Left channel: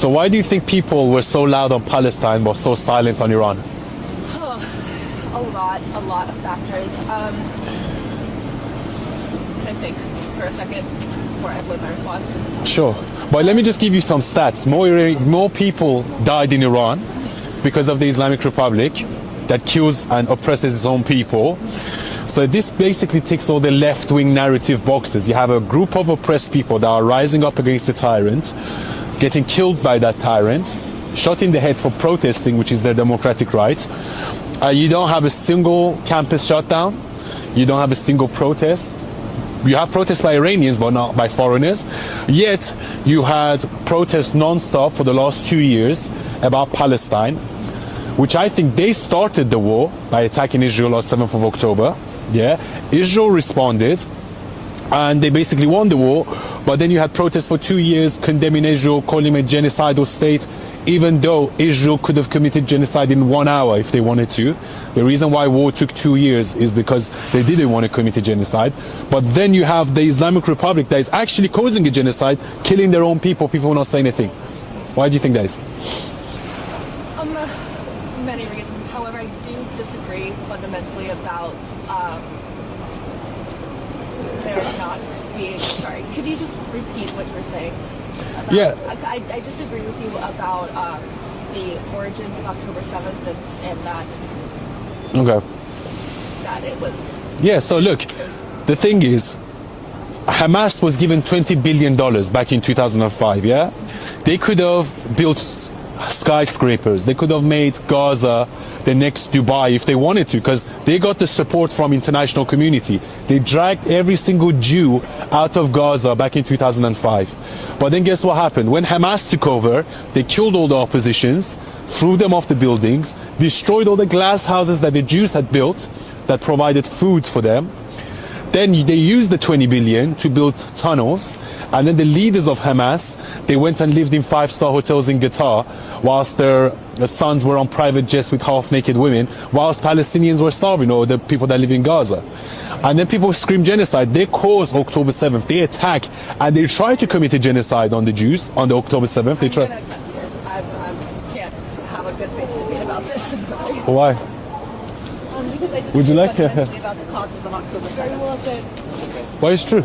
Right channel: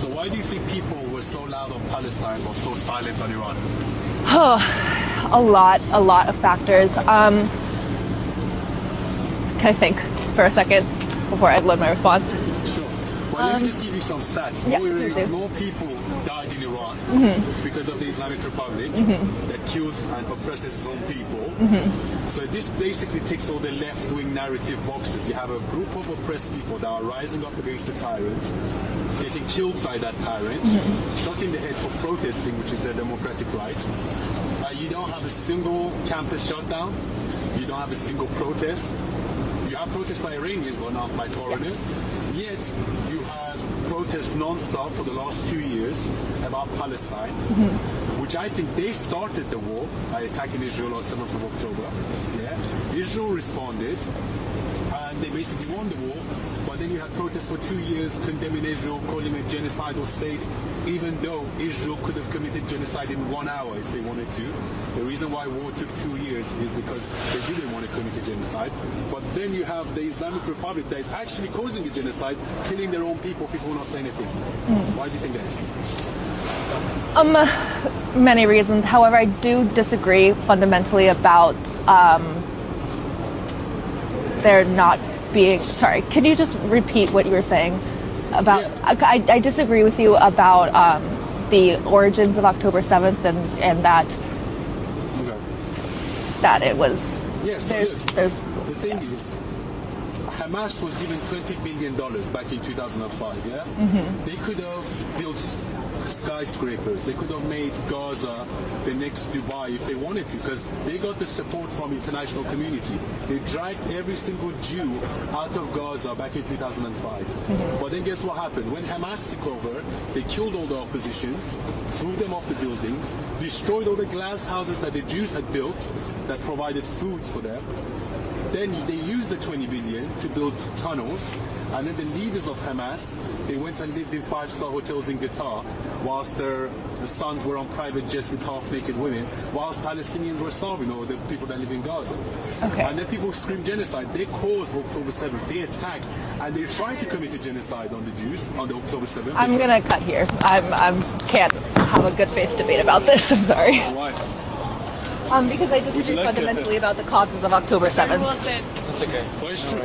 So why do you think people were so loud on Palestine but so silent on Iran? A lot of factors. Can I think for a second before I load my response? Sure. But let me just give you some stats. More people died in Iran because of the Islamic Republic that kills and oppresses its own people. So this basically ticks all the left-wing narrative boxes. You have a group of oppressed people that are rising up against the tyrant, getting killed by that tyrant, shot in the head for protesting, which is their democratic right. You don't have a single campus shutdown. You don't have a single protest. You have protests by Iranians, but not by foreigners. Yet, you had protests non-stop for the last 2 years about Palestine, which I think they started the war by attacking Israel on 7th of October. Yeah, Israel responded, and they basically won the war. But then you had protests for 2 years condemning Israel, calling it a genocidal state, even though Israel could have committed genocide in 1 hour if they wanted to. The reason why war took 2 years is because they didn't want to commit a genocide. But then you have the Islamic Republic that is actually causing a genocide, killing their own people. People will not say anything. Why do you think that is? Many reasons. However, I do disagree fundamentally about there not being. Sorry, could you just repeat what you were saying? About, yeah. I disagree with you about the origins of October 7th and that. Okay. That it was. Yeah. So look, the thing is, Hamas was given $20 billion back in 2005. Yeah. They could have built skyscrapers. They could have made Gaza the next Dubai if they wanted to, because they got the support from international community. They dragged every single Jew out of Gaza back in 2005. But then guess what happened? When Hamas took over, they killed all the oppositions, threw them off the buildings, destroyed all the glass houses that the Jews had built that provided food for them. Then they used the 20 billion to build tunnels, and then the leaders of Hamas, they went and lived in 5-star hotels in Qatar, whilst their sons were on private jets with half-naked women, whilst Palestinians were starving, or the people that live in Gaza. Okay. And then people scream genocide. They caused October 7th. They attack, and they try to commit a genocide on the Jews on the October 7th. I'm going to cut here. I can't have a good faith debate about this. I'm sorry. Why? Because I disagree fundamentally about the causes of October 7th. Well, it's true.